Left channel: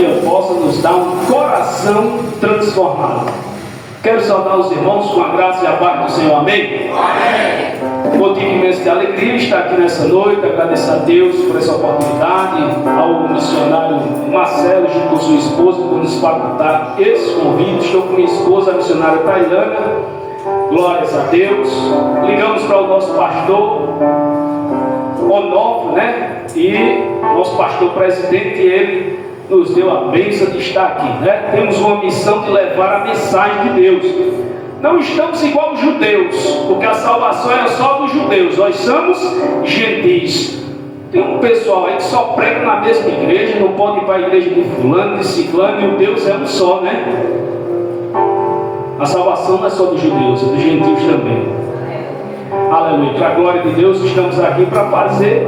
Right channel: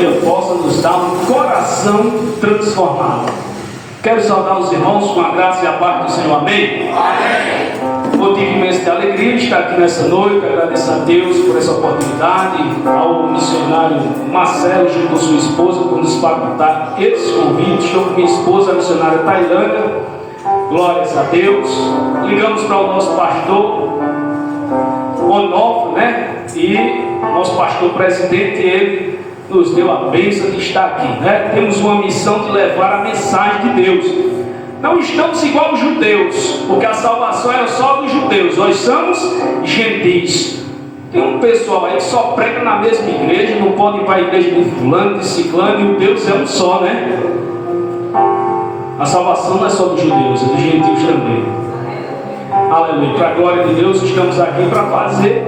dia possa nos dar um coração transformado. Quero saudar os irmãos com a graça e a paz do Senhor, amém? Amém. Motivo imenso de alegria estar aqui nessa noite, agradecer a Deus por essa oportunidade, ao missionário Marcelo junto com sua esposa por nos facultar esse convite. Estou com minha esposa, a missionária Tailândia, glórias a Deus. Ligamos para o nosso pastor Onofre, né? E nosso pastor presidente, ele nos deu a bênção de estar aqui, né? Temos uma missão de levar a mensagem de Deus. Não estamos igual os judeus, porque a salvação era só dos judeus. Nós somos gentis. Tem um pessoal aí que só prega na mesma igreja, não pode ir para a igreja de fulano, de ciclano, e o Deus é um só, né? A salvação não é só dos judeus, é dos gentios também. Aleluia, para a glória de Deus, estamos aqui para fazer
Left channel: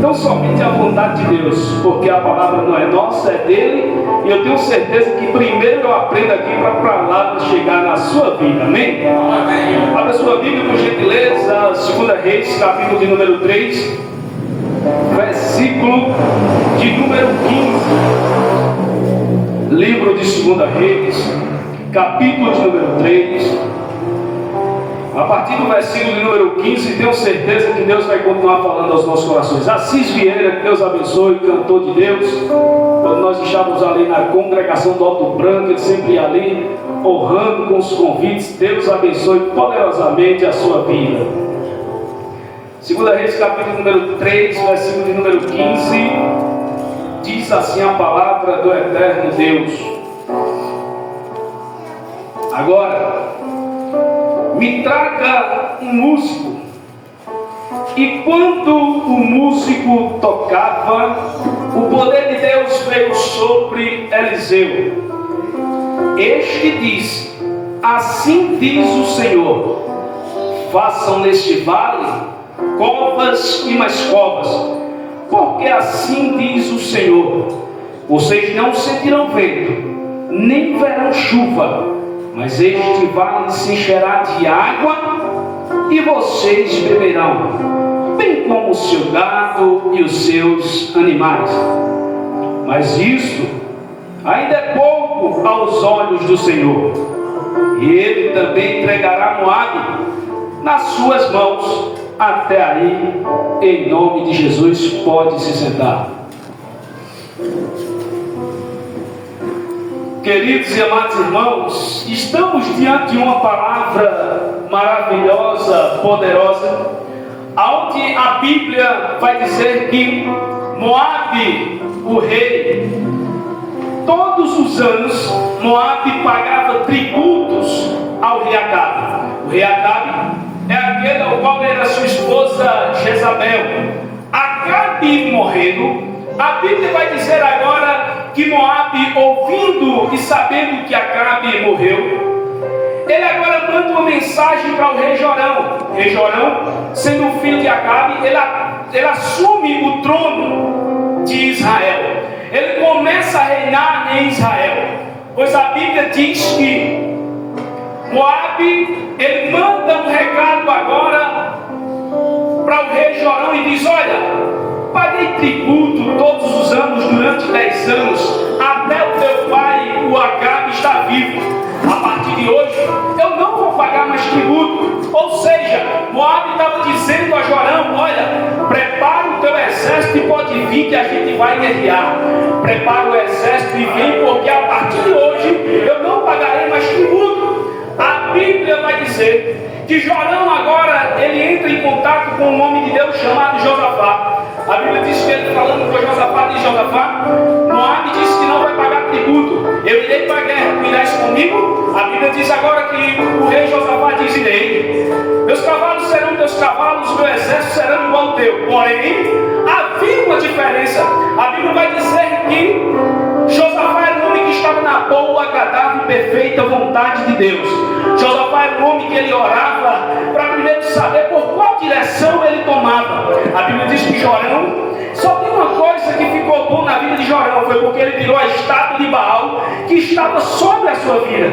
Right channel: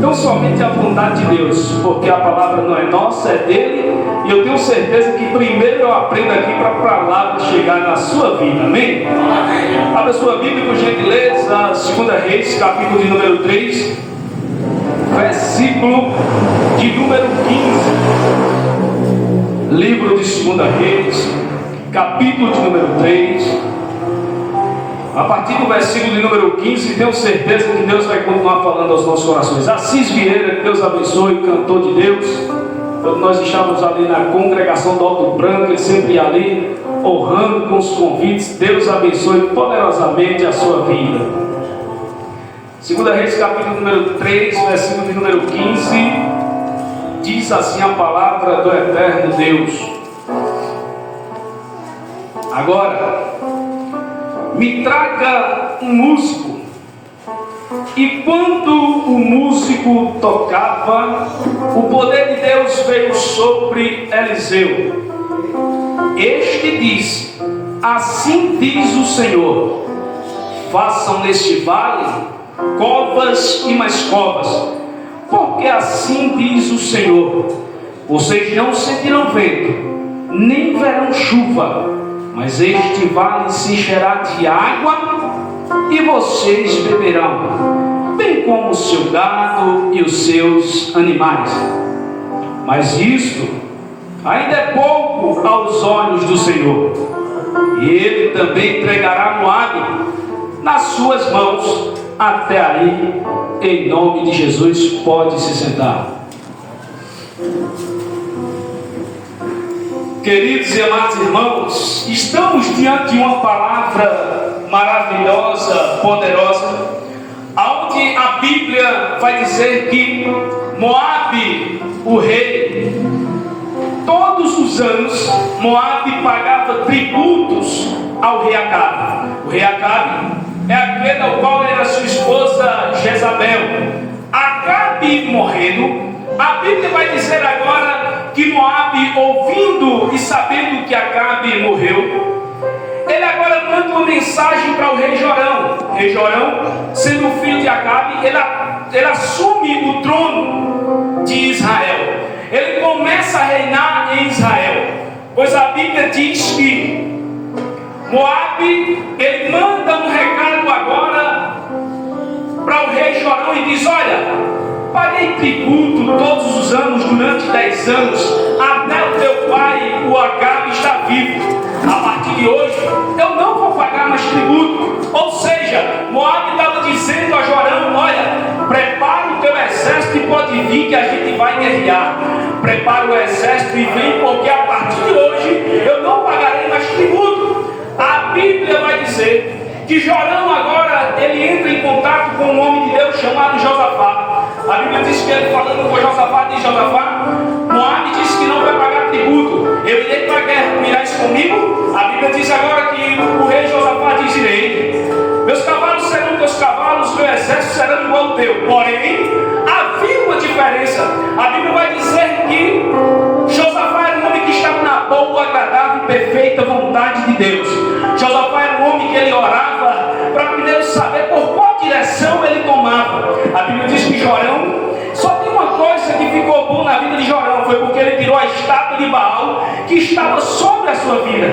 não somente a vontade de Deus, porque a palavra não é nossa, é dele, e eu tenho certeza que primeiro eu aprendo aqui para lá chegar na sua vida, amém? Amém. Abra sua Bíblia, por gentileza, 2 Reis, capítulo de número 3, versículo de número 15. Livro de 2 Reis, capítulo de número 3. A partir do versículo de número 15, tenho certeza que Deus vai continuar falando aos nossos corações. Assis Vieira, que Deus abençoe, cantor de Deus. Quando nós estávamos ali na congregação do Alto Branco, ele sempre ia ali, honrando com os convites. Deus abençoe poderosamente a sua vida. 2 Reis, capítulo número 3, versículo de número 15. Diz assim a palavra do eterno Deus. Agora, me traga um músico. E quando o músico tocava, o poder de Deus veio sobre Eliseu. Este disse: assim diz o Senhor, façam neste vale covas e mais covas, porque assim diz o Senhor, vocês não sentirão vento, nem verão chuva, mas este vale se encherá de água e vocês beberão, bem como o seu gado e os seus animais. Mas isto ainda é pouco aos olhos do Senhor, e ele também entregará Moabe nas suas mãos. Até aí, em nome de Jesus, pode se sentar. Queridos e amados irmãos, estamos diante de uma palavra maravilhosa, poderosa, onde a Bíblia vai dizer que Moabe, o rei, todos os anos Moabe pagava tributos ao rei Acabe. O rei Acabe é aquele ao qual era sua esposa Jezabel. Acabe morrendo, a Bíblia vai dizer agora que Moabe, ouvindo e sabendo que Acabe morreu, ele agora manda uma mensagem para o rei Jorão. O rei Jorão, sendo o filho de Acabe, ele assume o trono de Israel. Ele começa a reinar em Israel, pois a Bíblia diz que Moabe, ele manda um recado agora para o rei Jorão e diz: olha, paguei tributo todos os anos durante 10 anos, até o teu pai, o Acabe, está vivo. A partir de hoje, eu não vou pagar mais tributo. Ou seja, Moabe estava dizendo a Jorão: olha, prepara o teu exército e pode vir que a gente vai guerrear. Prepara o exército e vem, porque a partir de hoje eu não pagarei mais tributo. A Bíblia vai dizer que Jorão agora, ele entra em contato com um homem de Deus chamado Josafá. A Bíblia diz que ele falando com Josafá, diz: Josafá, Moabe disse que não vai pagar tributo, eu irei para a guerra, tu irás comigo? A Bíblia diz agora que o rei Josafá diz: irei. Meus cavalos serão teus cavalos, meu exército será igual ao teu. Porém, havia uma diferença. A Bíblia vai dizer que Josafá era um homem que estava na boa, agradável e perfeita vontade de Deus. Josafá era um homem que ele orava para primeiro saber por qual direção ele tomava. A Bíblia diz que Jorão, só tem uma coisa que ficou bom na vida de Jorão, foi porque ele tirou a estátua de Baal que estava sobre a sua vida.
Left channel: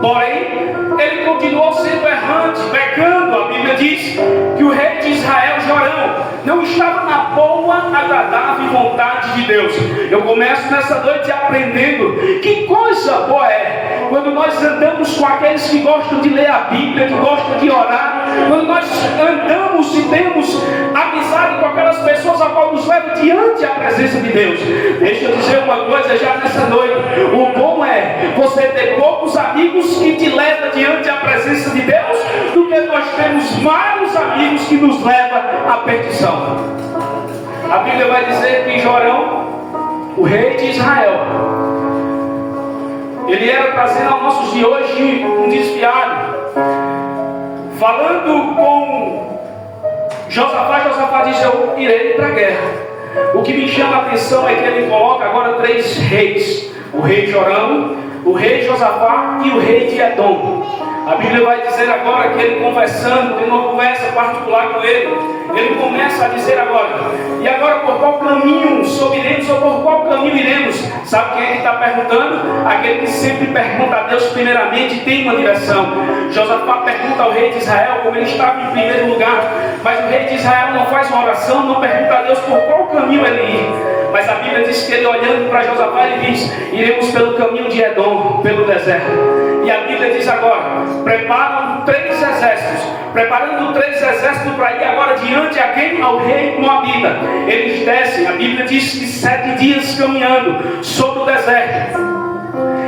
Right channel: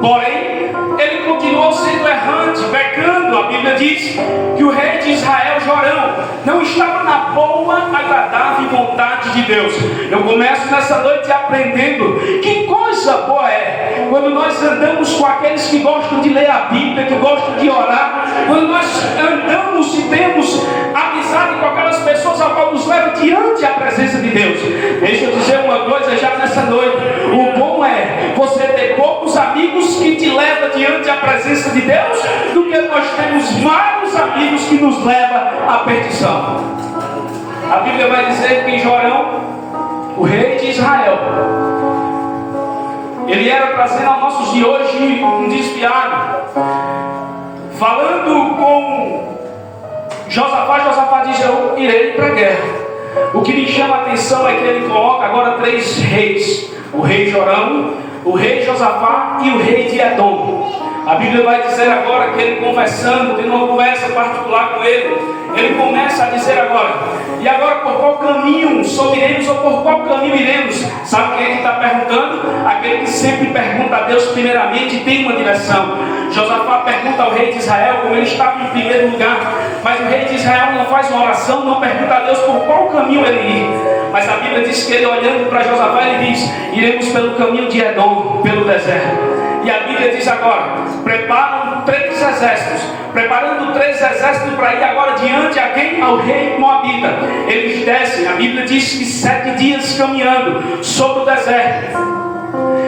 Porém, ele continuou sendo errante, pecando. A Bíblia diz que o rei de Israel, Jorão, não estava na boa, agradável vontade vontade de Deus. Eu começo nessa noite aprendendo que coisa boa é quando nós andamos com aqueles que gostam de ler a Bíblia, que gostam de orar, quando nós andamos e temos amizade com aquelas pessoas a qual nos leva diante a presença de Deus. Deixa eu dizer uma coisa já nessa noite: o bom é você ter poucos amigos que te levam diante a presença de Deus, do que nós temos vários amigos que nos levam à perdição. A Bíblia vai dizer que Jorão, o rei de Israel, ele era trazendo aos nossos de hoje um desviado, falando com Josafá diz: eu irei para a guerra. O que me chama a atenção é que ele coloca agora 3 reis: o rei Jorão, o rei Josafá e o rei de Edom. A Bíblia vai dizer agora que ele conversando, tendo uma conversa particular com ele começa a dizer agora: e agora por qual caminho subiremos ou por qual caminho iremos? Sabe quem é que está perguntando? Aquele que sempre pergunta a Deus primeiramente e tem uma direção. Josafá pergunta ao rei de Israel, como ele estava em primeiro lugar, mas o rei de Israel não faz uma oração, não pergunta a Deus por qual caminho ele ir. Mas a Bíblia diz que ele, olhando para Josafá, ele diz: iremos pelo caminho de Edom, pelo deserto. E a Bíblia diz agora: preparam 3 exércitos, preparando 3 exércitos para ir agora diante a quem? Ao rei Moabita. Eles descem, a Bíblia diz que 7 dias caminhando sobre o deserto.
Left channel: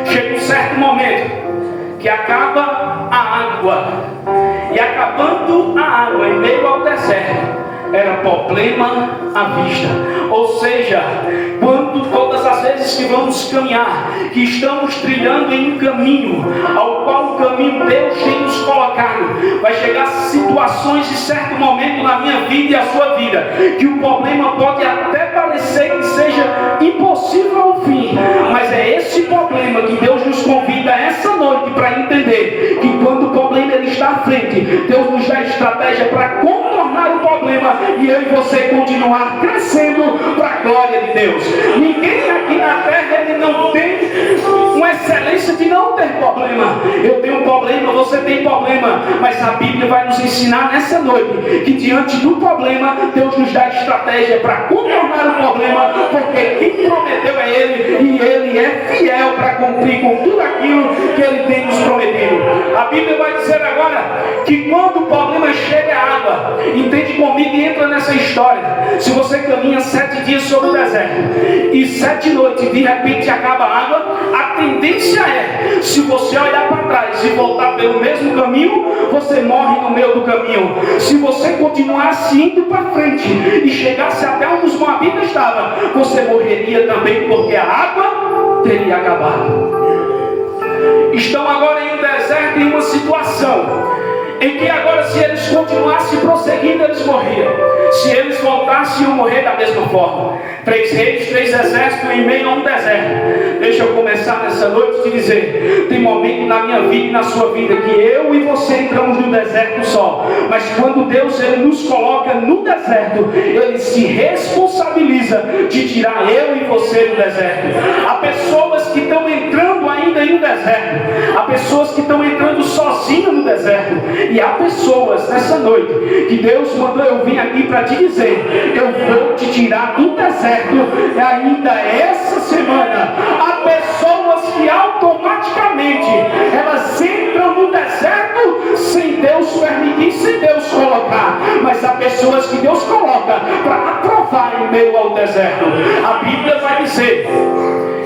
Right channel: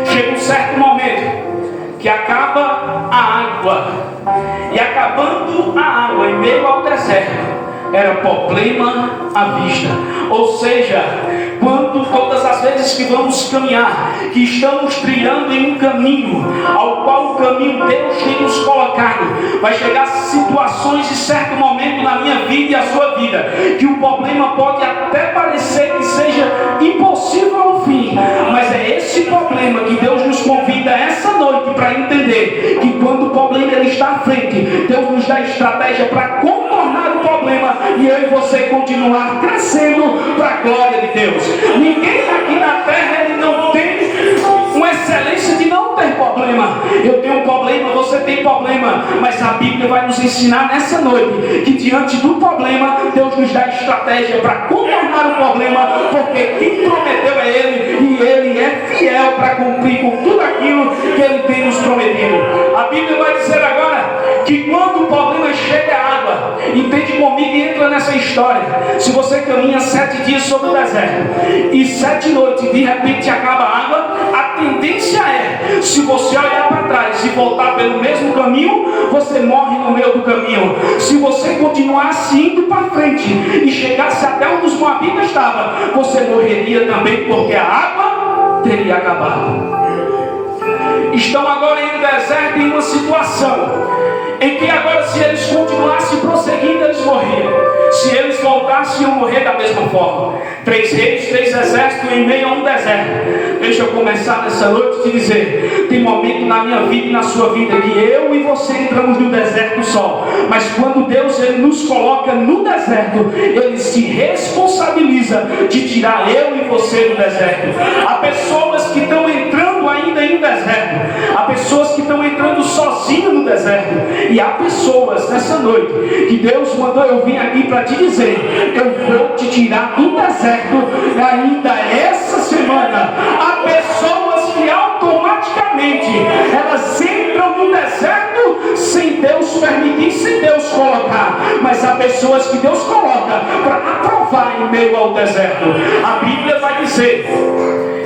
Chega um certo momento que acaba a água, e acabando a água em meio ao deserto, era problema à vista. Ou seja, quando todas as vezes que vamos caminhar, que estamos trilhando em um caminho, ao qual o caminho Deus tem nos colocado, vai chegar situações em certo momento na minha vida e a sua vida, que o problema pode até parecer que seja impossível ao fim, mas é esse problema que Deus nos convida essa noite para entender que quando o problema ele está à frente, Deus nos dá estratégia para contornar o problema e eu e você continuar crescendo para a glória de Deus. Ninguém aqui na terra ele não tem uma excelência de não ter problema. Eu tenho um problema, você tem problema, mas a Bíblia vai nos ensinar nessa noite que diante do problema Deus nos dá estratégia para contornar o problema, porque quem prometeu é Ele e Ele é fiel para cumprir com tudo aquilo que Ele tem nos prometido. A Bíblia vai dizer agora que quando o problema chega à água, entende comigo e entra nessa história. Se você caminha 7 dias sobre o deserto e 7 noites de repente acaba a água, a tendência é, se você olhar para trás e voltar pelo mesmo caminho, você morre no meio do caminho. Se você continuasse indo para frente e chegasse até onde os moabitas estavam, você morreria também, porque a água teria acabado. Estão agora em um deserto, em uma situação em que agora, se eles continuassem prosseguindo, eles morriam. Se eles voltassem, iam morrer da mesma forma. 3 reis, 3 exércitos em meio a um deserto. Deixa eu começar nessa noite te dizer: tem momento na minha vida e na sua vida que eu e você entramos no deserto só, mas quando Deus ele nos coloca no deserto, Ele se responsabiliza de tirar eu e você do deserto. Há pessoas que estão entrando ainda em um deserto, há pessoas que estão entrando sozinhas no deserto, e há pessoas nessa noite que Deus mandou eu vir aqui para te dizer: eu vou te tirar do deserto ainda essa semana. Há pessoas que automaticamente elas entram no deserto sem Deus permitir, sem Deus colocar, mas há pessoas que Deus coloca para aprovar em meio ao deserto. A Bíblia vai dizer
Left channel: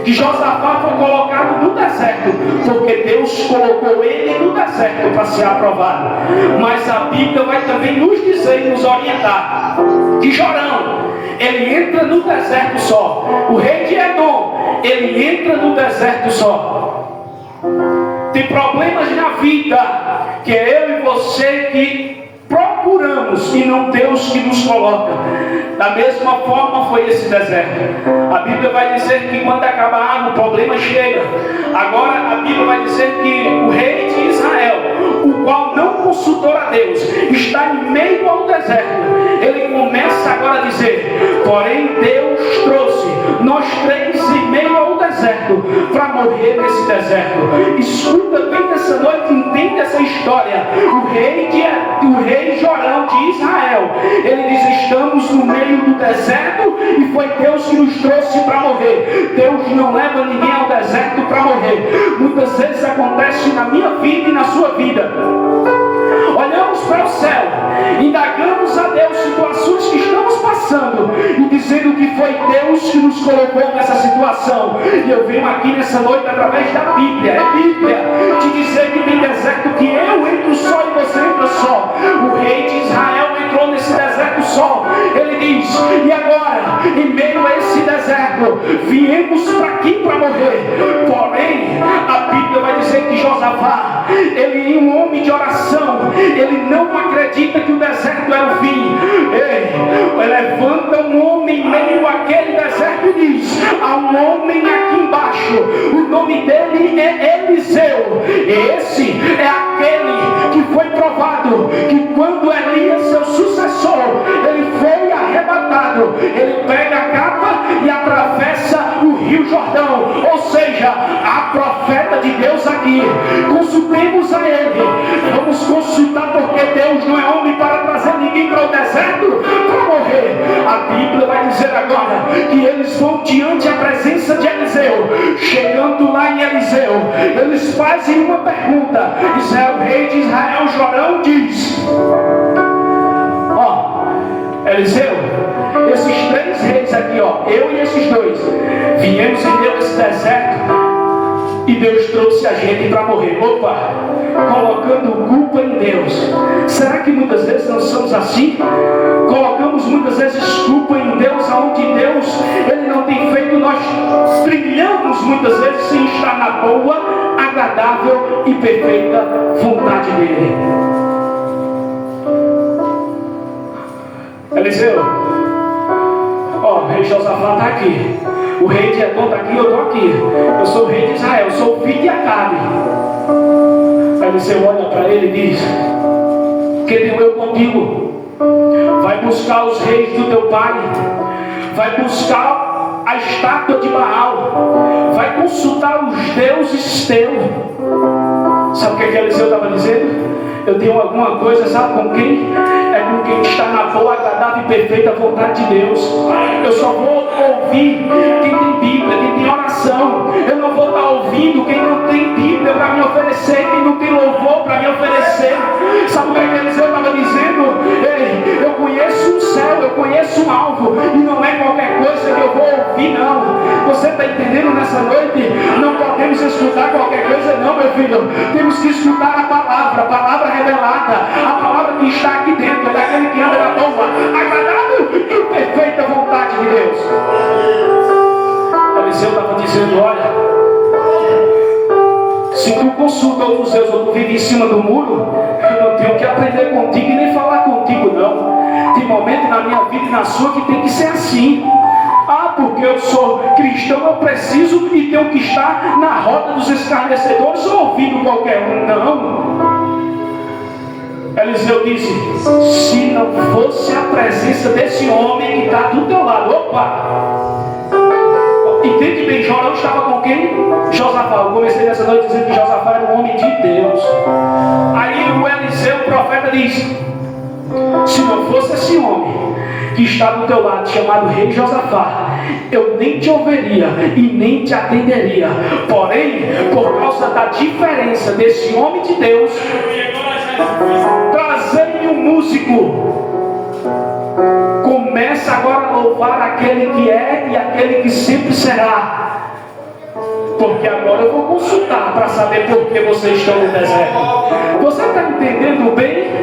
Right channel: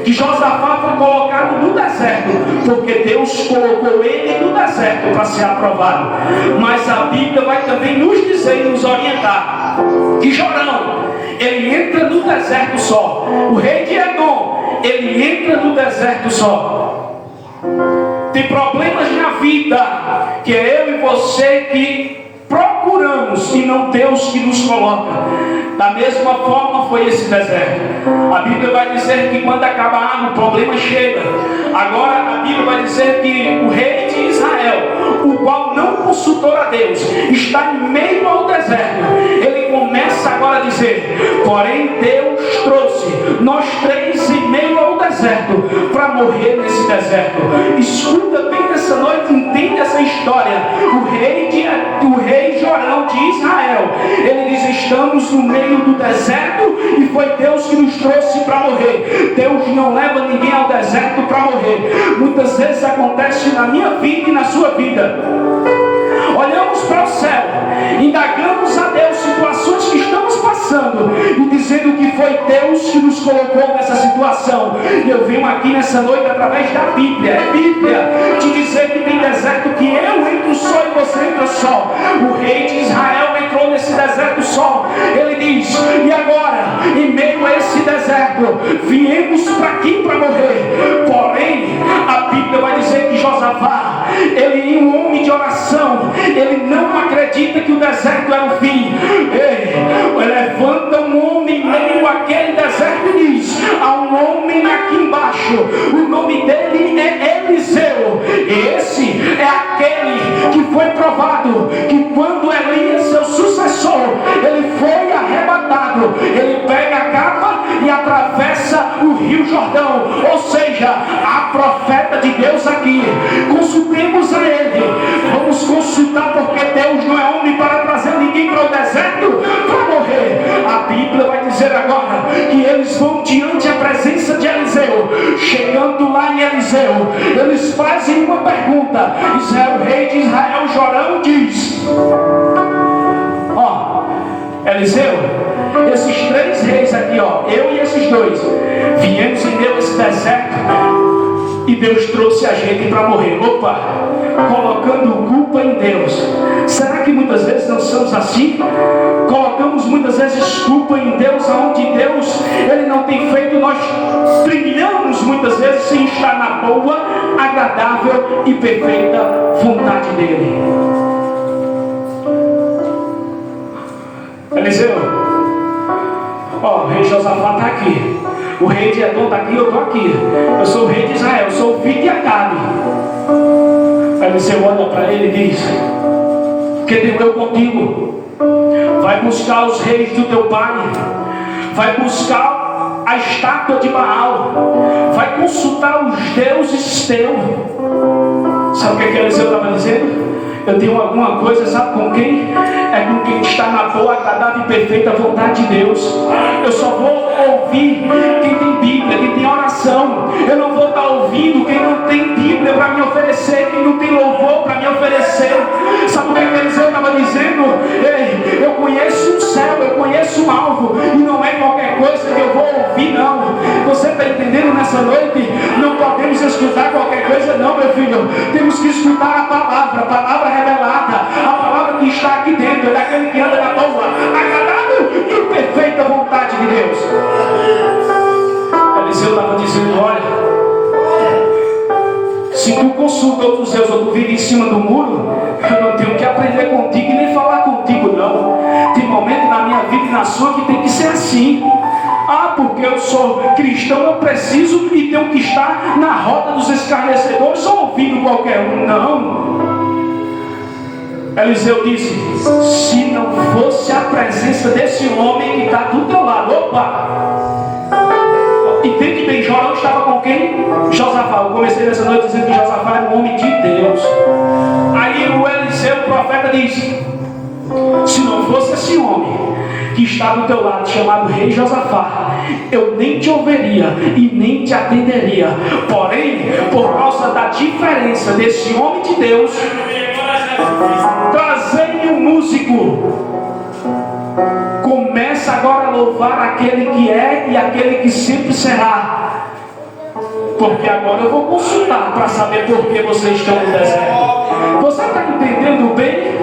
que Josafá foi colocado no deserto porque Deus colocou ele no deserto para ser aprovado. Mas a Bíblia vai também nos dizer e nos orientar que Jorão, ele entra no deserto só. O rei de Edom, ele entra no deserto só. Tem problemas na vida que é eu e você que procuramos e não Deus que nos coloca. Da mesma forma foi esse deserto. A Bíblia vai dizer que quando acabar a água, o problema chega. Agora a Bíblia vai dizer que o rei de Israel, o qual não consultou a Deus, está em meio ao deserto. Ele começa agora a dizer: porém Deus trouxe nós 3 em meio ao deserto deserto para morrer nesse deserto. Escuta bem nessa noite, entende essa história. O rei Jorão de Israel, ele diz: estamos no meio do deserto e foi Deus que nos trouxe para morrer. Deus não leva ninguém ao deserto para morrer. Muitas vezes acontece na minha vida e na sua vida. Olhamos para o céu, indagamos a Deus situações que estamos passando e dizendo que foi Deus que nos colocou nessa situação. Eu venho aqui nessa noite através da Bíblia. É Bíblia te dizer que tem deserto que eu entro só e você entra só. O rei de Israel entrou nesse deserto só. Ele diz: e agora, em meio a esse deserto, viemos para aqui para morrer. Porém, a Bíblia vai dizer que Josafá, ele é um homem de oração. Ele não acredita que o deserto era o fim. Ele levanta um homem em meio àquele deserto e diz: há um homem aqui embaixo, o nome dele é Eliseu. Esse é aquele que foi provado que quando Elias, seu sucessor, ele foi arrebatado, ele pega a capa e atravessa o rio Jordão. Ou seja, há profeta de Deus aqui. Consultemos a ele. Vamos consultar, porque Deus não é homem para trazer ninguém para o deserto para morrer. A Bíblia vai dizer agora que eles vão diante da presença de Eliseu. Chegando lá em Eliseu, eles fazem uma pergunta. O rei de Israel, Jorão, diz: Eliseu, esses três reis aqui, eu e esses dois, viemos em Deus esse deserto e Deus trouxe a gente para morrer. Colocando culpa em Deus. Será que muitas vezes não somos assim? Colocamos muitas vezes culpa em Deus, aonde Deus, ele não tem feito. Nós trilhamos muitas vezes sem estar na boa, agradável e perfeita vontade dele. Eliseu, o rei Josafá está aqui, o rei de Edom está aqui, eu estou aqui. Eu sou o rei de Israel, eu sou o filho de Acabe. Eliseu olha para ele e diz: que tenho eu contigo? Vai buscar os reis do teu pai, vai buscar a estátua de Baal, vai consultar os deuses teus. Sabe o que Eliseu estava dizendo? Eu tenho alguma coisa, sabe com quem? É com quem está na boa, agradável e perfeita vontade de Deus. Eu só vou ouvir quem tem Bíblia, quem tem oração. Eu não vou estar ouvindo quem não tem Bíblia para me oferecer, quem não tem louvor para me oferecer. Sabe o que Eliseu estava dizendo? Ei, eu conheço um céu, eu conheço um alvo, e não é qualquer coisa que eu vou ouvir, não. Você está entendendo nessa noite? Não podemos escutar qualquer coisa, não, meu filho. Temos que escutar a palavra revelada, a palavra que está aqui dentro, é daquele que anda na boa, agradável e perfeita vontade de Deus. Eliseu estava dizendo: olha, se tu consulta outros deuses ou tu vive em cima do muro, eu não tenho que aprender contigo e nem falar contigo, não. Tem momento na minha vida e na sua que tem que ser assim. Porque eu sou cristão, eu preciso e tenho que estar na roda dos escarnecedores ou ouvindo qualquer um. Não. Eliseu disse: se não fosse a presença desse homem que está do teu lado. Entende bem, Jorão estava com quem? Josafá. Eu comecei nessa noite dizendo que Josafá era um homem de Deus. Aí o Eliseu, o profeta, diz: se não fosse esse homem que está do teu lado, chamado rei Josafá, eu nem te ouviria e nem te atenderia. Porém, por causa da diferença desse homem de Deus, trazei-me um músico. Começa agora a louvar aquele que é e aquele que sempre será. Porque agora eu vou consultar para saber por que vocês estão no deserto. Você está entendendo bem?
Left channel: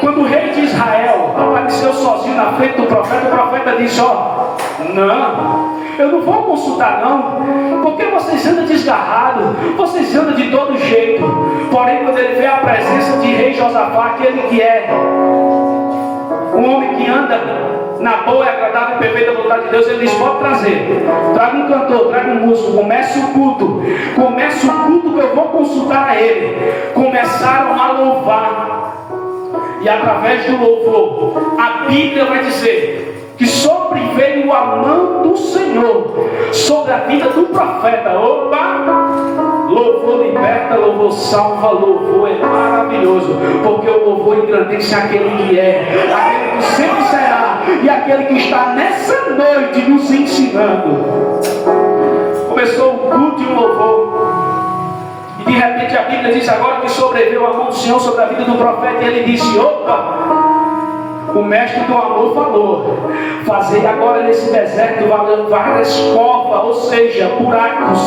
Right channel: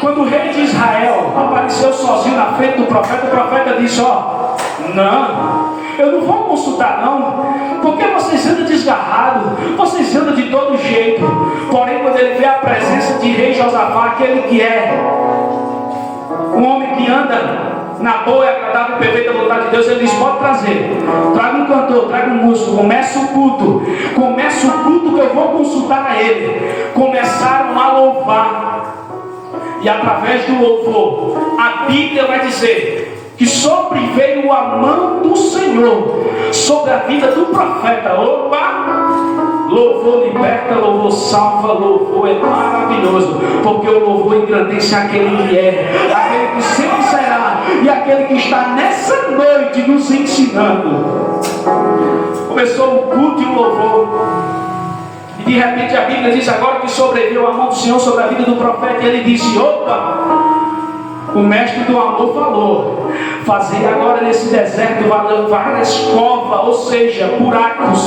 Quando o rei de Israel apareceu sozinho na frente do profeta, o profeta disse: não, eu não vou consultar não, porque vocês andam desgarrados, vocês andam de todo jeito. Porém, quando ele vê a presença de rei Josafá, aquele que é um homem que anda na boa e agradável e perfeita vontade de Deus, ele diz: pode trazer, traga um cantor, traga um músico, comece o culto que eu vou consultar a ele. Começaram a louvar, e através do louvor, a Bíblia vai dizer que sobreveio a mão do Senhor sobre a vida do profeta. Opa! Louvor liberta, louvor salva, louvor é maravilhoso, porque o louvor engrandece aquele que é, aquele que sempre será, e aquele que está nessa noite nos ensinando. Começou o culto e o louvor, e de repente a Bíblia diz agora que sobreveio a mão do Senhor sobre a vida do profeta, e ele disse: opa! O mestre do amor falou: fazer agora nesse deserto várias covas, ou seja, buracos.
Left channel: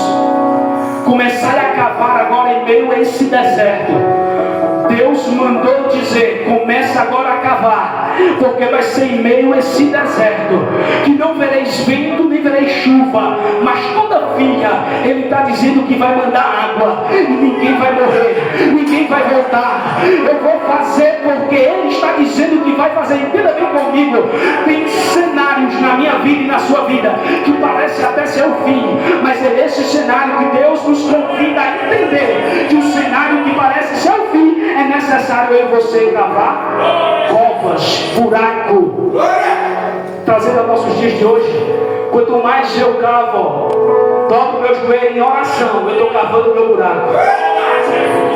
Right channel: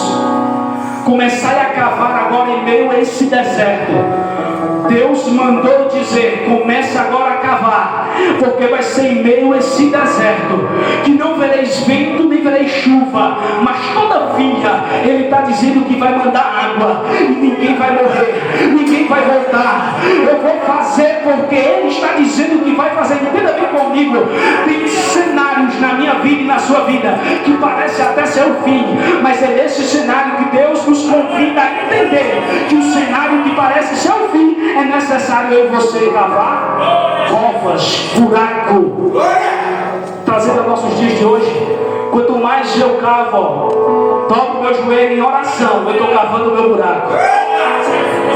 Começar a cavar agora em meio a esse deserto. Deus mandou dizer: começa agora a cavar, porque vai ser em meio a esse deserto que não vereis vento nem vereis chuva, mas todavia Ele está dizendo que vai mandar água e ninguém vai morrer, ninguém vai voltar. Eu vou fazer porque Ele está dizendo que vai fazer. Entenda bem comigo, tem cenários na minha vida e na sua vida que parece até ser o fim, mas é esse cenário que Deus nos convida a entender, que o cenário que parece ser o fim, é necessário eu e você cavar covas, buraco. Trazendo a nossos dias de hoje, quanto mais eu cavo, dobro meu joelho em oração, eu estou cavando o meu buraco.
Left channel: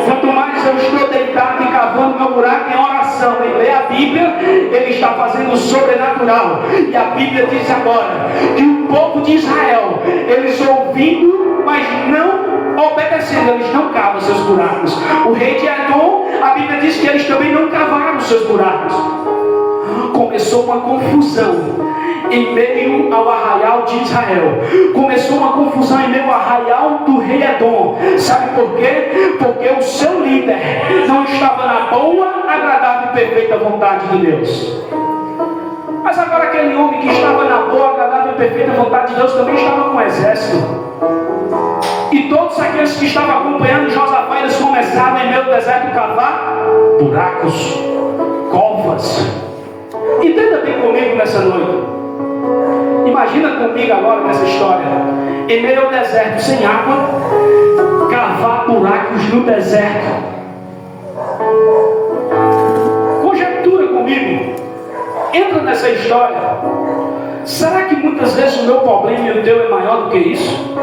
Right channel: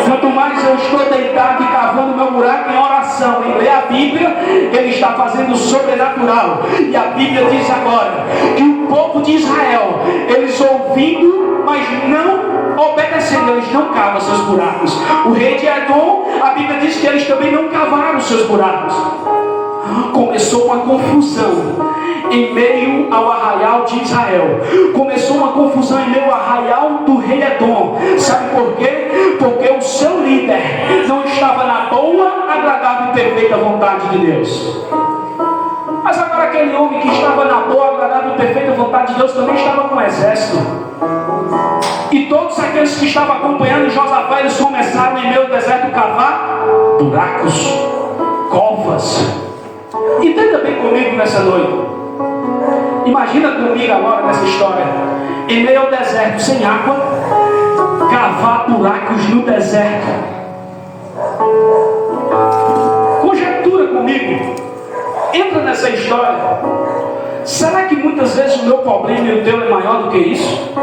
Quanto mais eu estou deitado e cavando meu buraco em oração, em ler a Bíblia, Ele está fazendo o sobrenatural. E a Bíblia diz agora que o povo de Israel, eles ouvindo, mas não obedecendo, eles não cavam seus buracos. O rei de Edom, a Bíblia diz que eles também não cavaram seus buracos. Começou uma confusão em meio ao arraial de Israel. Começou uma confusão em meio ao arraial do rei Edom. Sabe por quê? Porque o seu líder não estava na boa, agradável e perfeita vontade de Deus. Mas agora aquele homem que estava na boa, agradável e perfeita vontade de Deus também estava com o exército. E todos aqueles que estavam acompanhando Josafá, eles começaram em meio ao deserto a cavar buracos, covas. Entenda bem comigo nessa noite. Imagina comigo agora nessa história, em meio ao deserto, sem água, cavar buracos no deserto. Conjectura comigo, entra nessa história. Será que muitas vezes o meu problema e o teu é maior do que isso?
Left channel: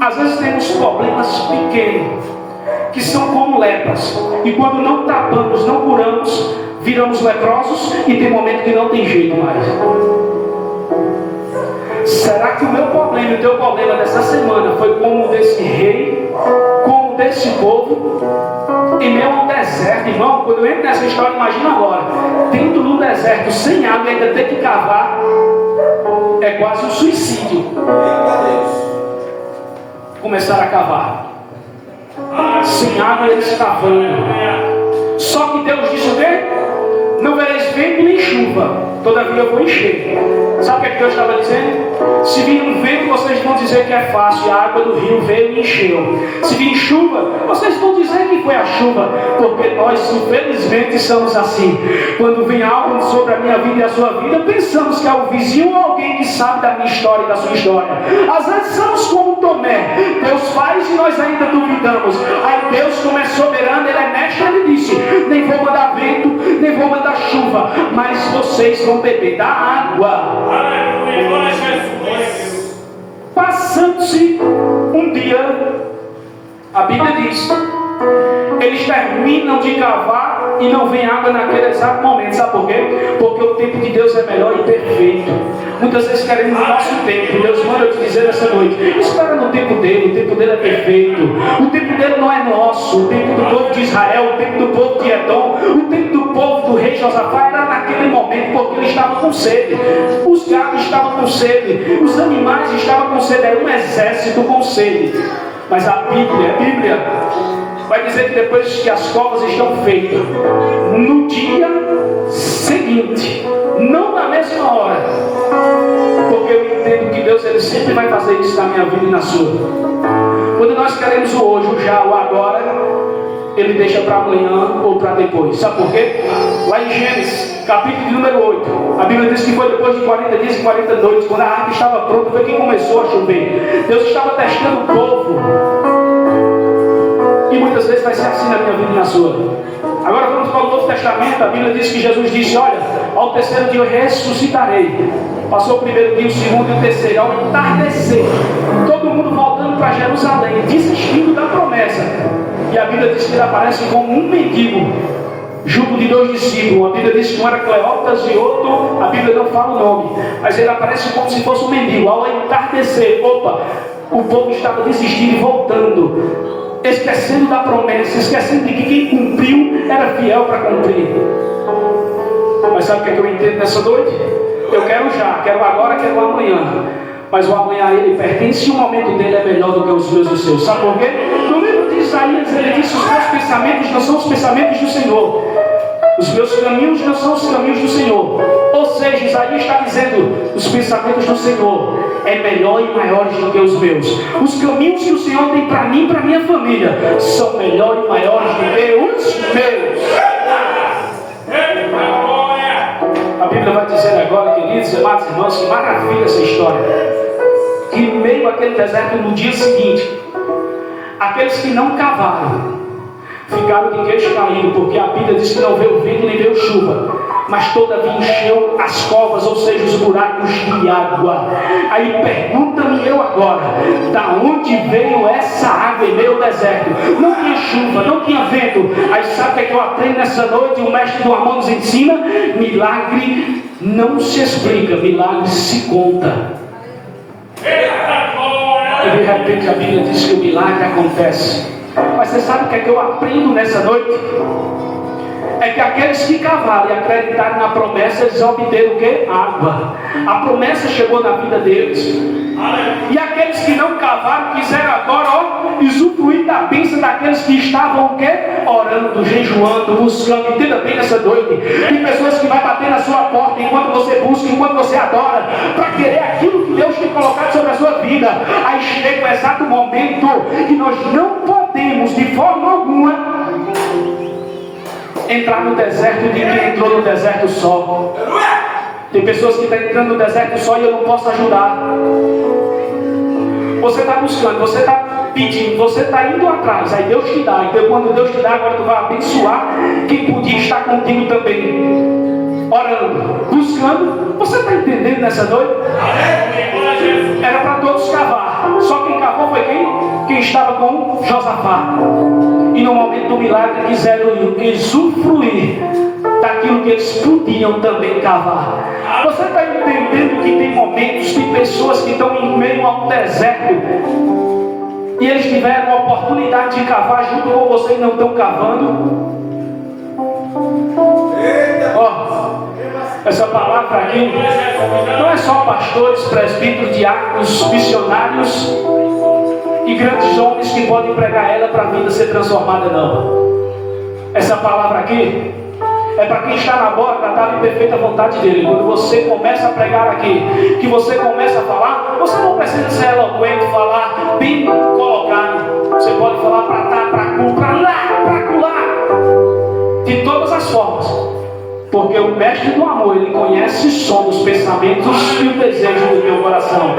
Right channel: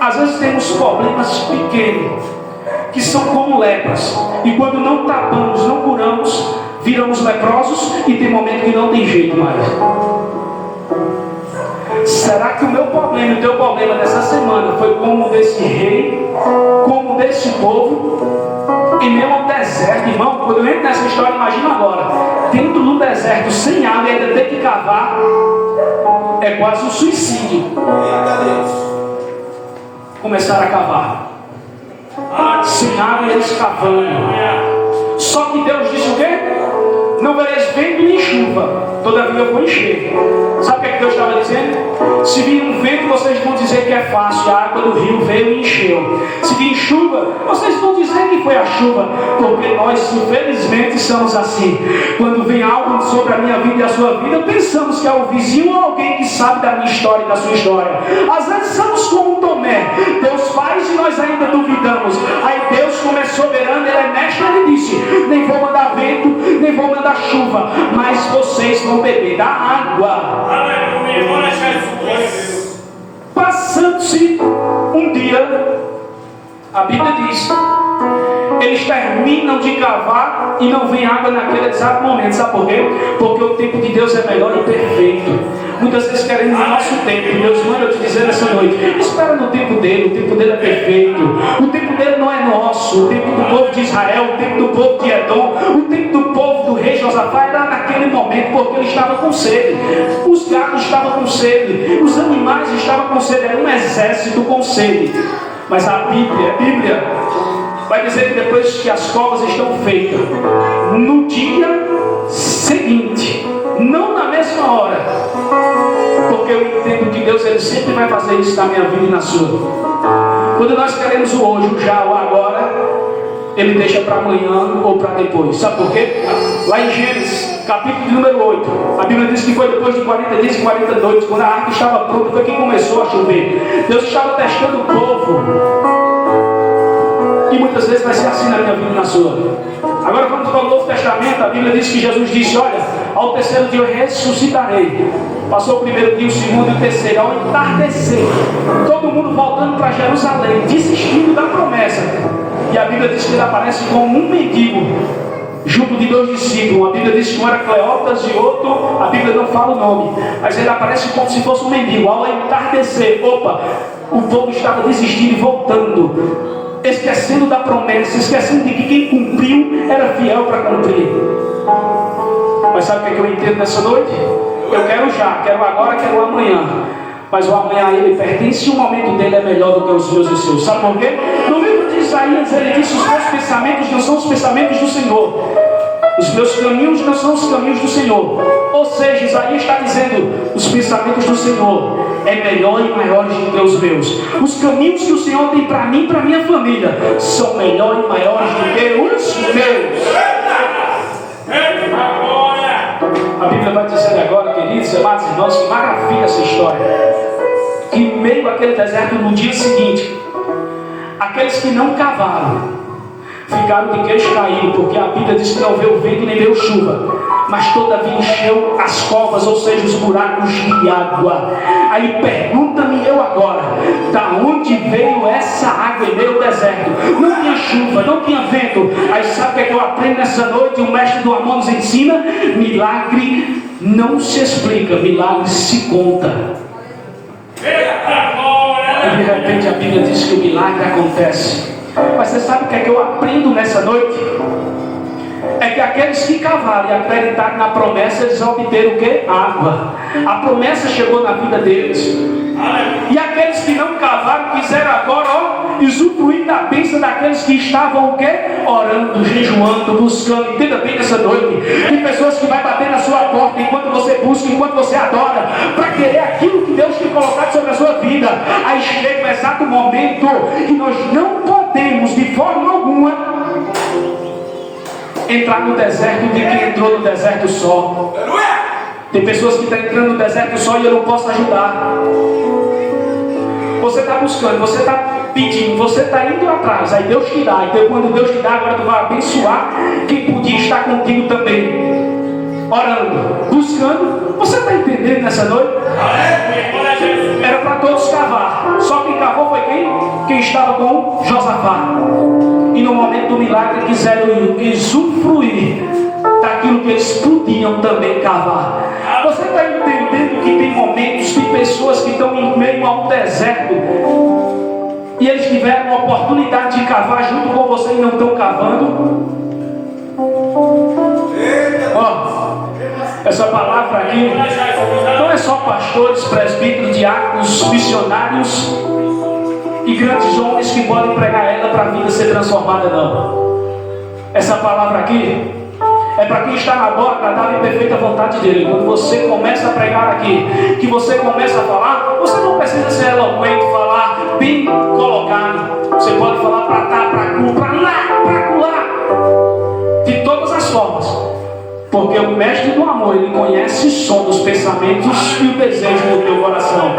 Às vezes temos problemas pequenos, que são como lepras, e quando não tapamos, não curamos, viramos leprosos, e tem momento que não tem jeito mais. Será que o meu problema e o teu problema dessa semana foi como o desse rei, como o desse povo, em meio ao deserto? Irmão, quando eu entro nessa história, imagina agora, dentro do deserto, sem água, e ainda ter que cavar, é quase um suicídio. Começaram a cavar, sem água, eles cavando. Só que Deus disse o quê? Não vereis vento nem chuva, todavia eu vou encher. Sabe o que Deus estava dizendo? Se vir um vento, vocês vão dizer que é fácil, a água do rio veio e encheu. Se vir chuva, vocês vão dizer que foi a chuva, porque nós infelizmente somos assim. Quando vem algo sobre a minha vida e a sua vida, pensamos que é o vizinho ou alguém que sabe da minha história e da sua história. Às vezes somos como Tomé, Deus faz e nós ainda duvidamos. Aí Deus, como é soberano, Ele é mestre, Ele disse: nem vou mandar vento, nem vou mandar chuva, mas vocês vão beber da água. Passando-se um dia, a Bíblia diz, eles terminam de cavar e não vem água naquele exato momento. Sabe por quê? Porque o tempo de Deus é melhor e perfeito. Muitas vezes queremos o nosso tempo. Deus manda eu te dizer nessa noite: espera no tempo dele. O tempo dele é perfeito. O tempo dele não é nosso. O tempo do povo de Israel, o tempo do povo de Edom, o tempo do povo do rei Josafá era naquele momento, porque ele estava com sede. Os gatos estavam com sede, os animais estavam com sede. Era um exército com sede. Mas a Bíblia vai dizer que depois que as covas estão feitas, no dia seguinte, não na mesma hora, porque eu entendo que Deus, Ele sempre vai fazer isso na minha vida e na sua. Quando nós queremos o hoje, o já, o agora, Ele deixa para amanhã ou para depois. Sabe por quê? Lá em Gênesis, capítulo número 8, a Bíblia diz que foi depois de 40 dias e 40 noites, quando a arca estava pronta, foi que começou a chover. Deus estava testando o povo. E muitas vezes vai ser assim na minha vida e na sua. Agora vamos para o Novo Testamento. A Bíblia diz que Jesus disse: olha, ao terceiro dia eu ressuscitarei. Passou o primeiro dia, o segundo e o terceiro. Ao entardecer, todo mundo voltando para Jerusalém, desistindo da promessa. E a Bíblia diz que ele aparece como um mendigo, junto de 2 discípulos. A Bíblia diz que um era Cleópas e outro, a Bíblia não fala o nome, mas ele aparece como se fosse um mendigo. Ao entardecer, o povo estava desistindo e voltando, esquecendo da promessa, esquecendo de que quem cumpriu era fiel para cumprir. Mas sabe o que é que eu entendo nessa noite? Eu quero já, quero agora, quero amanhã. Mas o amanhã a ele pertence e o momento dele é melhor do que os meus e os seus. Sabe por quê? No livro de Isaías ele disse: os meus pensamentos não são os pensamentos do Senhor, os meus caminhos não são os caminhos do Senhor. Ou seja, Isaías está dizendo: os pensamentos do Senhor é melhor e maiores do que os meus. Os caminhos que o Senhor tem para mim e para minha família são melhores e maiores do que os meus. A Bíblia vai dizer agora, queridos, amados irmãos, que maravilha essa história. Que em meio àquele deserto, no dia seguinte, aqueles que não cavaram ficaram de queixo caído, porque a Bíblia diz que não veio vento nem veio chuva, mas todavia encheu as covas, ou seja, os buracos de água. Aí pergunta-me eu agora: da onde veio essa água em meio ao deserto? Não tinha chuva, não tinha vento. Aí sabe o que eu aprendo nessa noite? O mestre do amor nos ensina: milagre não se explica, milagre se conta. E de repente a Bíblia diz que o milagre acontece. Mas você sabe o que é que eu aprendo nessa noite? É que aqueles que cavaram e acreditaram na promessa, eles obteram o quê? Água. A promessa chegou na vida deles. E aqueles que não cavaram quiseram agora, usufruir da bênção daqueles que estavam o quê? Orando, jejuando, buscando. Entenda bem nessa noite. Tem pessoas que vai bater na sua porta enquanto você busca, enquanto você adora, para querer aquilo que Deus tem colocado sobre a sua vida. Aí chega o exato momento que nós não podemos de forma alguma entrar no deserto de quem entrou no deserto só. Tem pessoas que estão entrando no deserto só e eu não posso ajudar. Você está buscando, você está pedindo, você está indo atrás, aí Deus te dá. Então quando Deus te dá, agora tu vai abençoar quem podia estar contigo também, orando, buscando. Você está entendendo nessa noite? Era para todos cavar, só quem cavou foi quem estava com Josafá. E no momento do milagre quiseram usufruir daquilo que eles podiam também cavar. Você está entendendo que tem momentos, tem pessoas que estão em meio a um deserto e eles tiveram a oportunidade de cavar junto com você e não estão cavando? Essa palavra aqui não é só pastores, presbíteros, diáconos, missionários e grandes homens que podem pregar ela para a vida ser transformada, não. Essa palavra aqui é para quem está na boa, agradável e perfeita vontade dele. Quando você começa a pregar aqui, que você começa a falar, você não precisa ser eloquente, falar bem colocado. Você pode falar para cá, para cá, para lá, para lá, de todas as formas. Porque o mestre do amor, ele conhece o som dos pensamentos e o desejo do teu coração.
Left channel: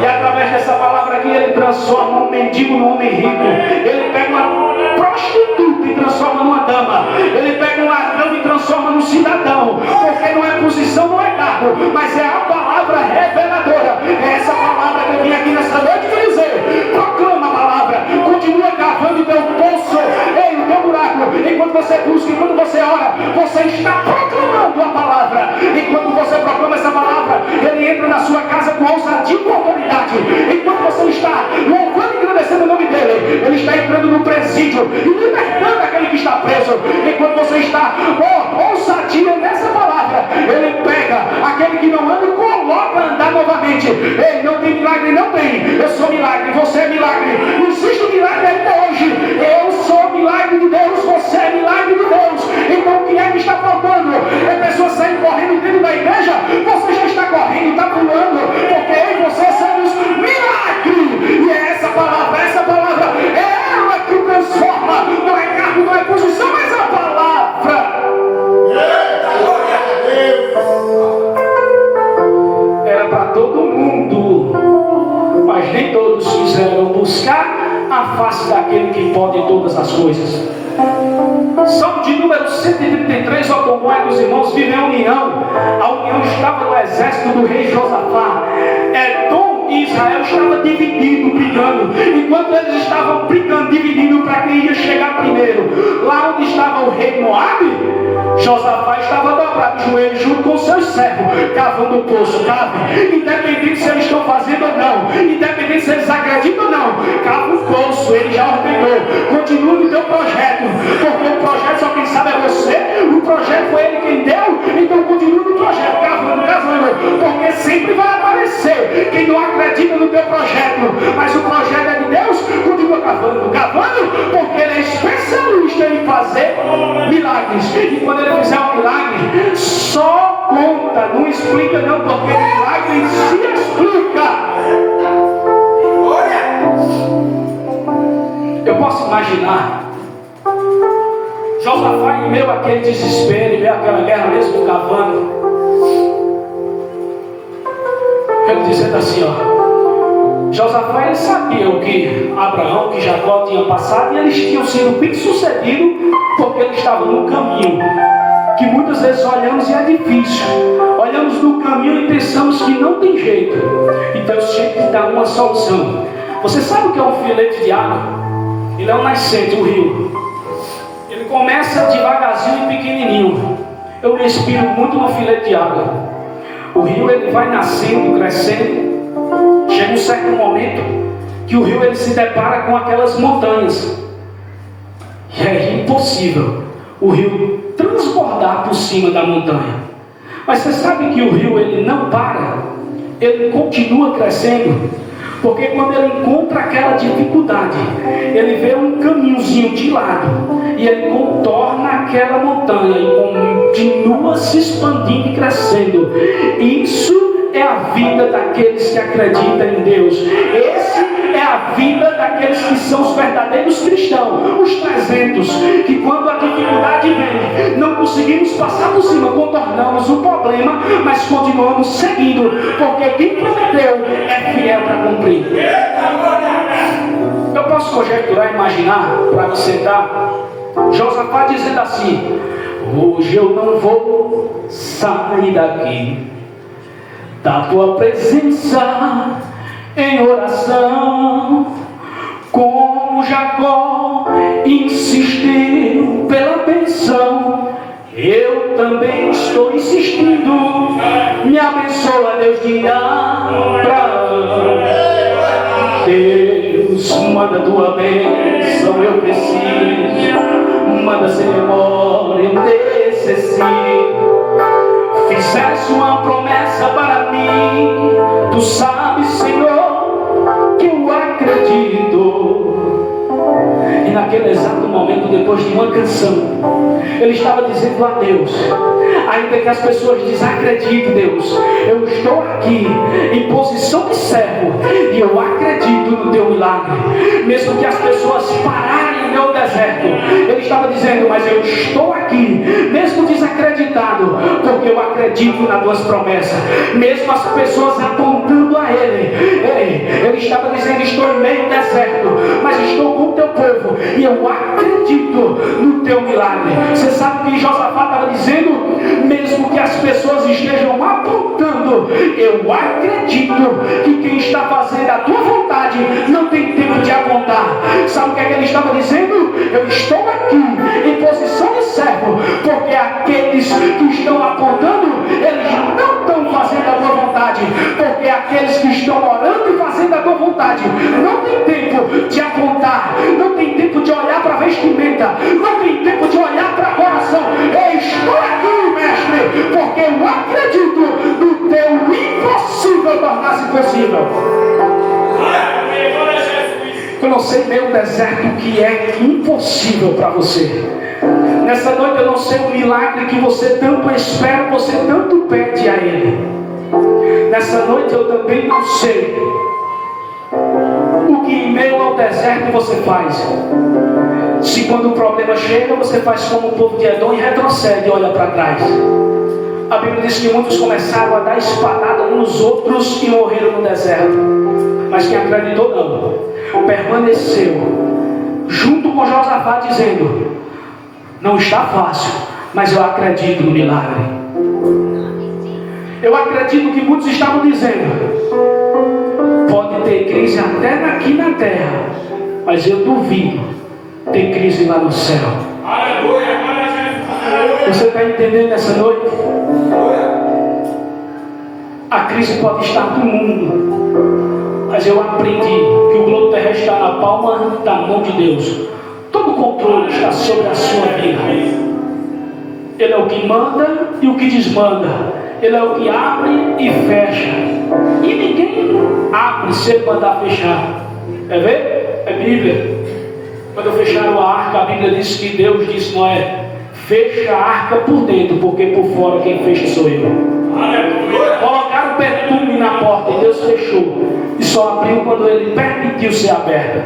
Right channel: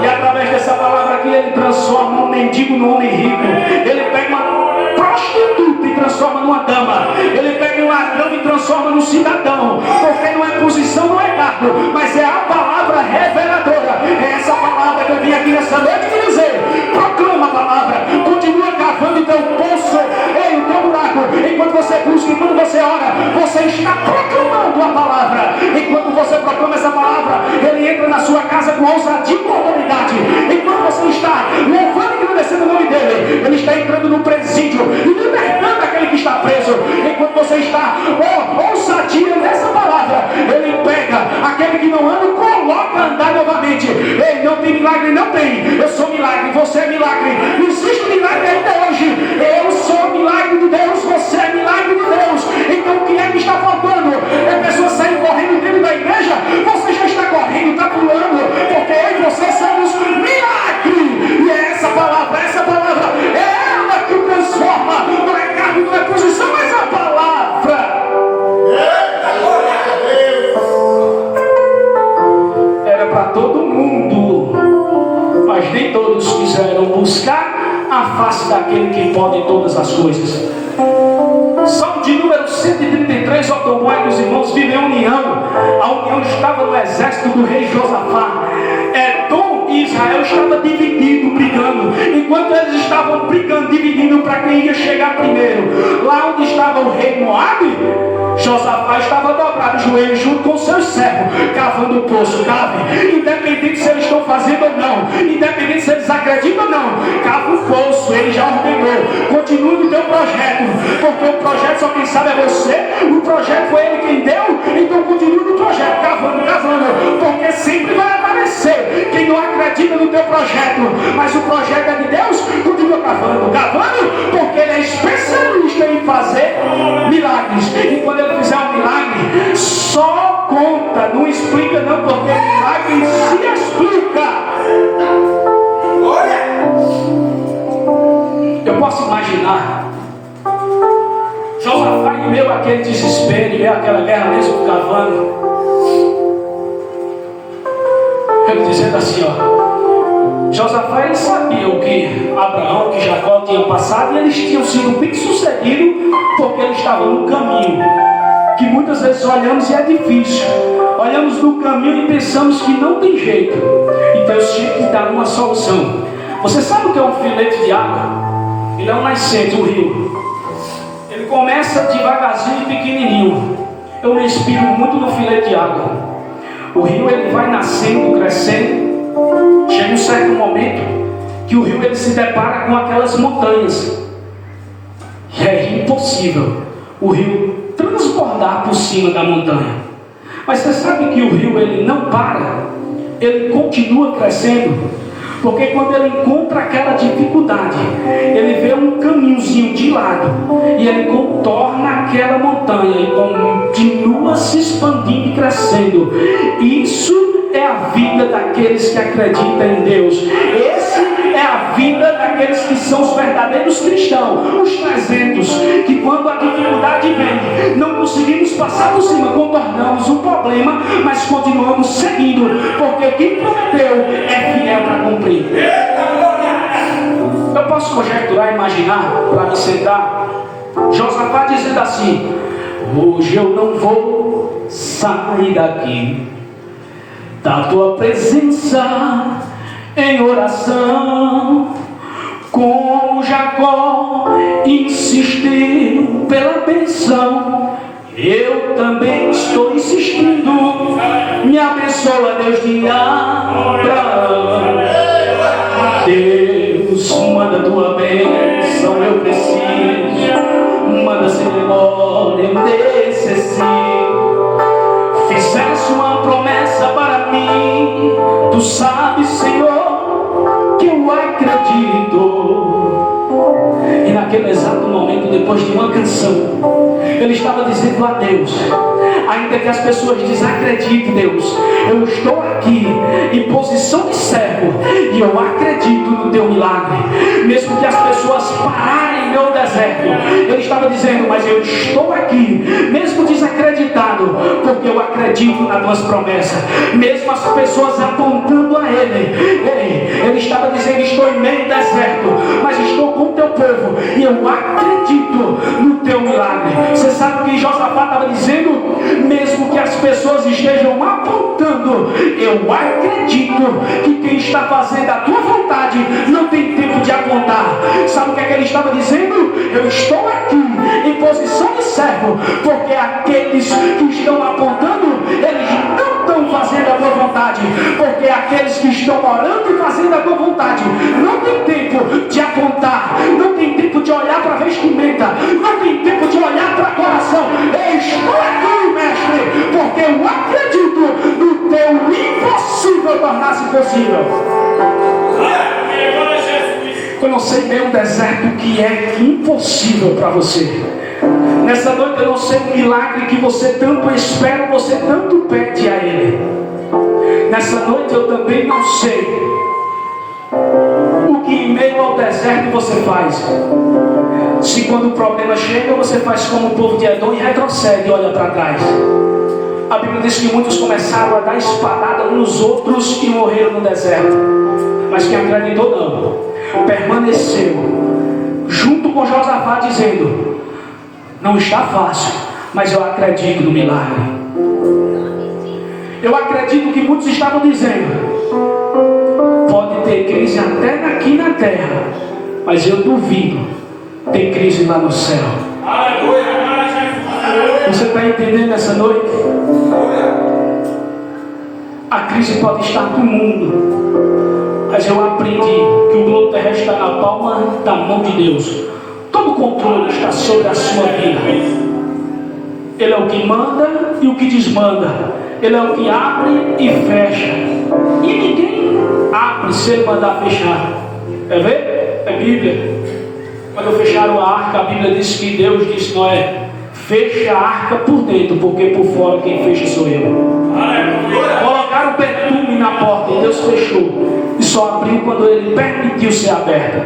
E através dessa palavra aqui, ele transforma um mendigo num homem rico. Ele pega uma prostituta e transforma numa dama. Ele pega um ladrão e transforma num cidadão. Porque não é posição, não é cargo, mas é a palavra reveladora. É essa palavra que eu vim aqui nessa noite te dizer. Proclama a palavra. Continua cavando o teu poço, o teu buraco. Enquanto você busca, enquanto você ora, você está proclamando a palavra. Enquanto você proclama essa palavra, ele entra na sua casa com ousadia e com autoridade. Enquanto você está louvando e agradecendo o nome dele, ele está entrando no presídio e libertando aquele que está preso. Enquanto você está ousadia nessa palavra, ele pega aquele que não anda e coloca a andar novamente. Ei, não tem milagre? Não tem. Eu sou milagre, você é milagre. Existe um milagre ainda hoje. Eu sou milagre de Deus, você é milagre de Deus. Então o que é que está faltando? É pessoas saírem correndo dentro da igreja. Você já está correndo, está pulando, porque eu e você somos milagre. E é essa palavra é ela que transforma. Não é cargo, não é posição, mas a palavra. Era para todo mundo, mas nem todos quiseram buscar a face daquele que pode todas as coisas. Salmo de número 133, ó tão bom é que os irmãos vivem em união. A união estava no exército do rei Josafá. Edom e Israel estavam dividindo, brigando. Enquanto eles estavam brigando, dividindo para quem ia chegar primeiro, lá onde estava o rei Moabe, Josafá estava dobrado de joelhos junto com seus servos, cavando o poço. Cave, independente se eles estão fazendo ou não, independente se eles acreditam ou não, cava o poço, ele já ordenou. Continue no teu projeto, porque o projeto só quem sabe é você. O projeto foi ele quem deu, então continue no projeto, cavando, porque sempre vai aparecer quem não acredita no teu projeto, mas o projeto é de Deus. Continua cavando, porque ele é especialista em fazer milagres. E quando ele fizer um milagre, só conta, não explica não, porque milagre se explica. Eu posso imaginar Josafá em meio àquele desespero, em meio àquela guerra mesmo cavando, ele dizendo assim, ó, Josafá, ele sabia o que Abraão, que Jacó tinham passado, e eles tinham sido bem sucedidos porque eles estavam no caminho, que muitas vezes olhamos e é difícil, olhamos no caminho e pensamos que não tem jeito. Então eu sempre dá uma solução. Você sabe o que é um filete de água? Ele é um nascente, um rio. Ele começa devagarzinho e pequenininho. Eu me inspiro muito no filete de água. O rio ele vai nascendo, crescendo. Chega um certo momento que o rio ele se depara com aquelas montanhas. E é impossível o rio transbordar por cima da montanha. Mas você sabe que o rio ele não para, ele continua crescendo. Porque quando ele encontra aquela dificuldade, ele vê um caminhozinho de lado e ele contorna aquela montanha e continua se expandindo e crescendo. Isso é a vida daqueles que acreditam em Deus. Esse é a vida daqueles que são os verdadeiros cristãos, os 300, que quando a dificuldade vem, não conseguimos passar por cima, contornamos o problema, mas continuamos seguindo, porque quem prometeu é fiel para cumprir. Eu posso conjecturar, imaginar, para me sentar, Josafá dizendo assim: hoje eu não vou sair daqui da tua presença em oração, como Jacó insistiu pela bênção, eu também estou insistindo. Me abençoa, Deus de Abraão. Deus, manda tua bênção, eu preciso. Manda sem memória, eu necessito. Fizeste uma promessa para mim, tu sabes, Senhor, que eu acredito. E naquele exato momento, depois de uma canção, ele estava dizendo a Deus, ainda que as pessoas desacreditem, Deus, eu estou aqui em posição de servo e eu acredito no teu milagre. Mesmo que as pessoas pararem no meu deserto, ele estava dizendo, mas eu estou aqui, mesmo desacreditado, porque eu acredito nas tuas promessas. Mesmo as pessoas apontando a ele estava dizendo, estou em meio ao deserto, mas estou com o teu povo e eu acredito no teu milagre. Você sabe o que Josafá estava dizendo? Mesmo que as pessoas estejam apontando, eu acredito que quem está fazendo a tua vontade não tem tempo de apontar. Sabe o que é que ele estava dizendo? Eu estou aqui em posição de servo, porque aqueles que estão apontando, eles não estão fazendo a tua vontade, porque aqueles que estão orando e fazendo a tua vontade não tem tempo de apontar, não tem tempo de olhar para a vestimenta, não tem tempo de olhar para o coração. Eu estou aqui, mestre, porque eu acredito no teu impossível tornar-se possível. Eu não sei nem o deserto que é impossível para você. Nessa noite eu não sei o milagre que você tanto espera, você tanto pede a Ele. Nessa noite eu também não sei o que em meio ao deserto você faz. Se quando o problema chega, você faz como o povo de Edom e retrocede e olha para trás. A Bíblia diz que muitos começaram a dar espadada uns nos outros e morreram no deserto. Mas quem acreditou não, permaneceu junto com Josafá dizendo, Não está fácil, mas eu acredito no milagre. Eu acredito que muitos estavam dizendo: pode ter crise até aqui na terra, mas eu duvido ter crise lá no céu. Você está entendendo nessa noite? A crise pode estar no mundo, mas eu aprendi que o globo terrestre está na palma da mão de Deus. Todo o controle está sobre a sua vida. Ele é o que manda e o que desmanda. Ele é o que abre e fecha. E ninguém abre se ele mandar fechar. Quer ver? É Bíblia. Quando fecharam a arca, a Bíblia diz que Deus disse: Noé, fecha a arca por dentro, porque por fora quem fecha sou eu. Colocaram perfume na porta e Deus fechou. E só abriu quando Ele permitiu ser aberta.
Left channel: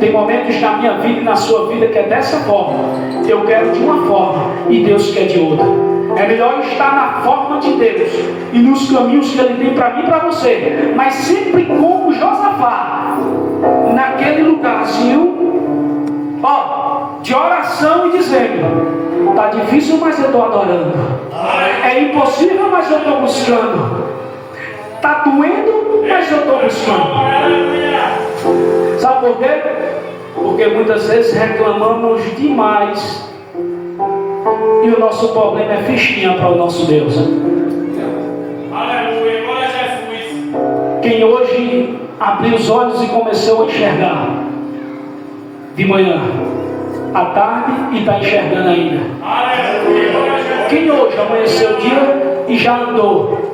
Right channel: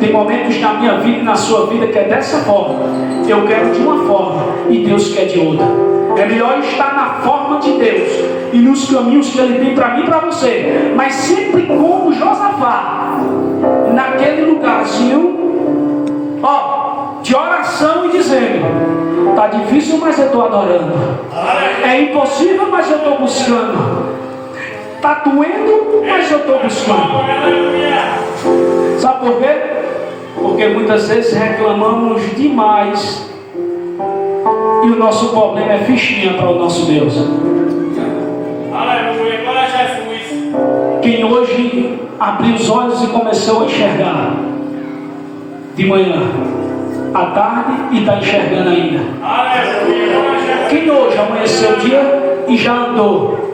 Tem momentos na minha vida e na sua vida que é dessa forma. Eu quero de uma forma e Deus quer de outra. É melhor estar na forma de Deus e nos caminhos que Ele tem para mim e para você. Mas sempre como Josafá, naquele lugarzinho, de oração e dizendo: está difícil, mas eu estou adorando. É impossível, mas eu estou buscando. Está doendo, mas eu estou buscando. Sabe por quê? Porque muitas vezes reclamamos demais e o nosso problema é fichinha para o nosso Deus. Aleluia, glória a Jesus. Quem hoje abriu os olhos e começou a enxergar de manhã, à tarde e está enxergando ainda. Aleluia, glória a Jesus. Quem hoje amanheceu o dia e já andou.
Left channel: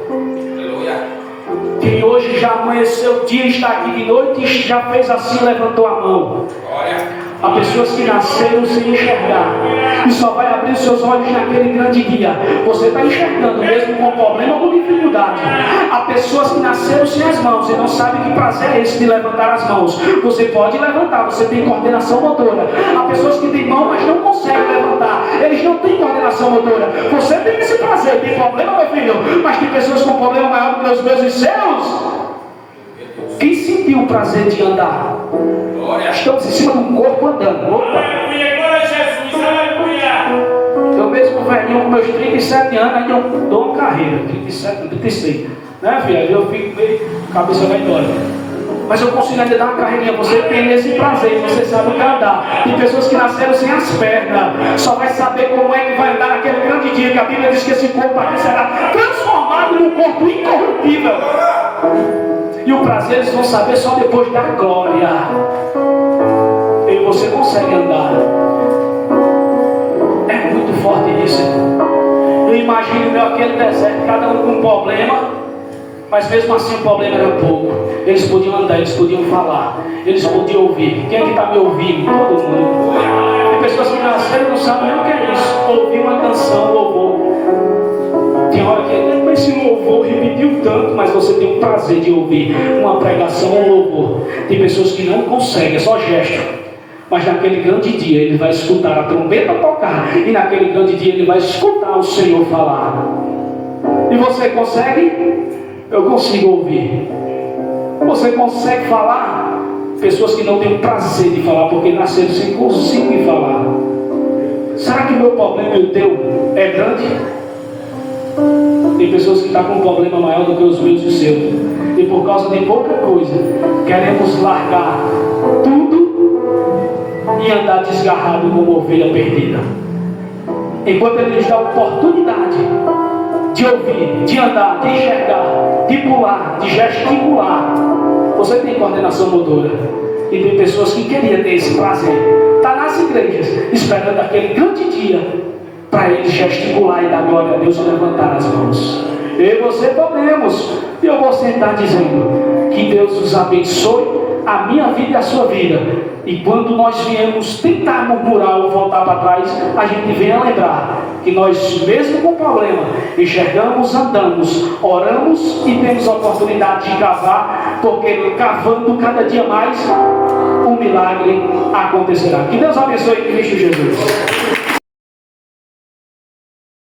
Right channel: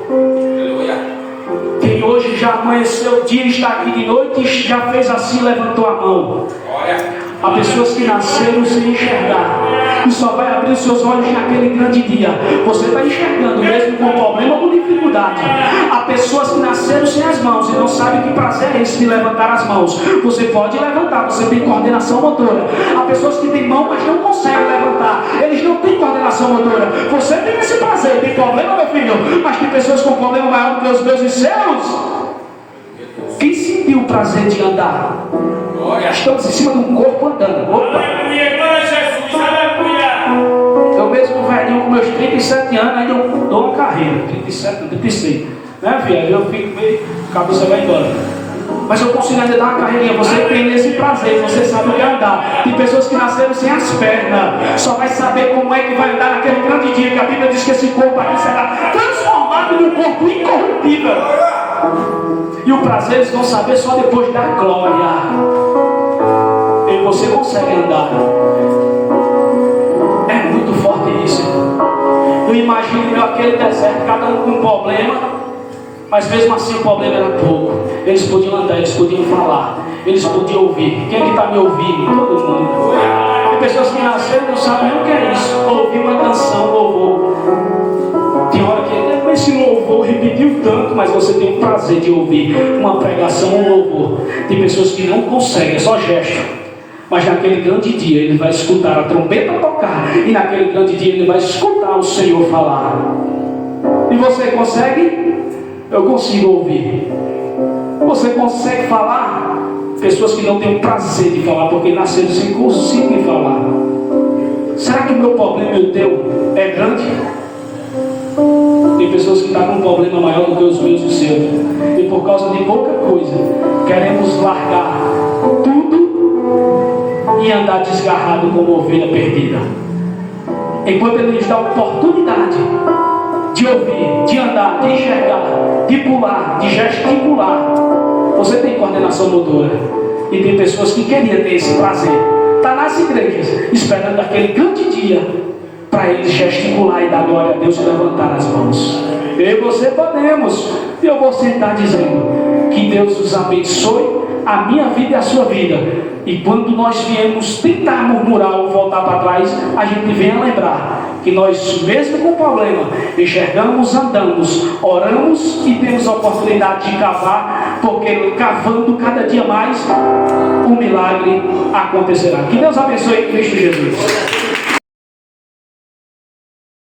Quem hoje já amanheceu o dia e está aqui de noite e já fez assim, levantou a mão. Há pessoas que nasceram sem enxergar e só vai abrir os seus olhos naquele grande dia. Você está enxergando mesmo com problema ou com dificuldade. Há pessoas que nasceram sem as mãos e não sabem que prazer é esse de levantar as mãos. Você pode levantar, você tem coordenação motora. Há pessoas que têm mão, mas não conseguem levantar. Eles não têm coordenação motora. Você tem esse prazer, tem problema, meu filho, mas tem pessoas com problema maior do que os meus e seus. Quem sentiu o prazer de andar? Estamos em cima de um corpo andando. Opa! Aleluia, glória a Jesus. Aleluia. Eu mesmo velhinho com meus 37 anos, ainda dou uma carreira. 37, não, 36. Né, filha? Eu fico meio, a cabeça vai embora. Mas eu consigo ainda dar uma carreirinha. Você tem esse prazer, você sabe o que é andar. Tem pessoas que nasceram sem as pernas. Só vai saber como é que vai andar naquele grande dia que a Bíblia diz que esse corpo aqui será transformado num corpo incorruptível. E o prazer eles vão saber só depois da glória. E você consegue andar. É muito forte isso. Eu imagino aquele deserto, cada um com um problema, mas mesmo assim o problema era pouco. Eles podiam andar, eles podiam falar, eles podiam ouvir. Quem é que está me ouvindo? Todo mundo. Tem pessoas que nasceram e não sabem nem o que é isso. Ouvir uma canção, louvor. Tem hora que esse louvor repetiu tanto, mas você tem o prazer de ouvir uma pregação ou louvor. Tem pessoas que não conseguem, é só gesto. Mas naquele grande dia ele vai escutar a trombeta tocar. E naquele grande dia ele vai escutar o Senhor falar. E você consegue? Eu consigo ouvir. Você consegue falar? Pessoas que não têm o prazer de falar porque nasceram sem conseguir falar. Será que o meu problema e o teu é grande? Tem pessoas que estão com um problema maior do que os meus e os seus. E por causa de pouca coisa, queremos largar tudo e andar desgarrado como ovelha perdida. Enquanto Ele nos dá a oportunidade de ouvir, de andar, de enxergar, de pular, de gesticular. Você tem coordenação motora. E tem pessoas que queriam ter esse prazer. Está nas igrejas, esperando aquele grande dia para eles gesticular e dar glória a Deus e levantar as mãos. Eu e você podemos. E eu vou sentar dizendo que Deus nos abençoe, a minha vida e a sua vida. E quando nós viemos tentar murmurar ou voltar para trás, a gente venha lembrar que nós, mesmo com problema, enxergamos, andamos, oramos e temos a oportunidade de cavar, porque cavando cada dia mais, um milagre acontecerá. Que Deus abençoe em Cristo Jesus.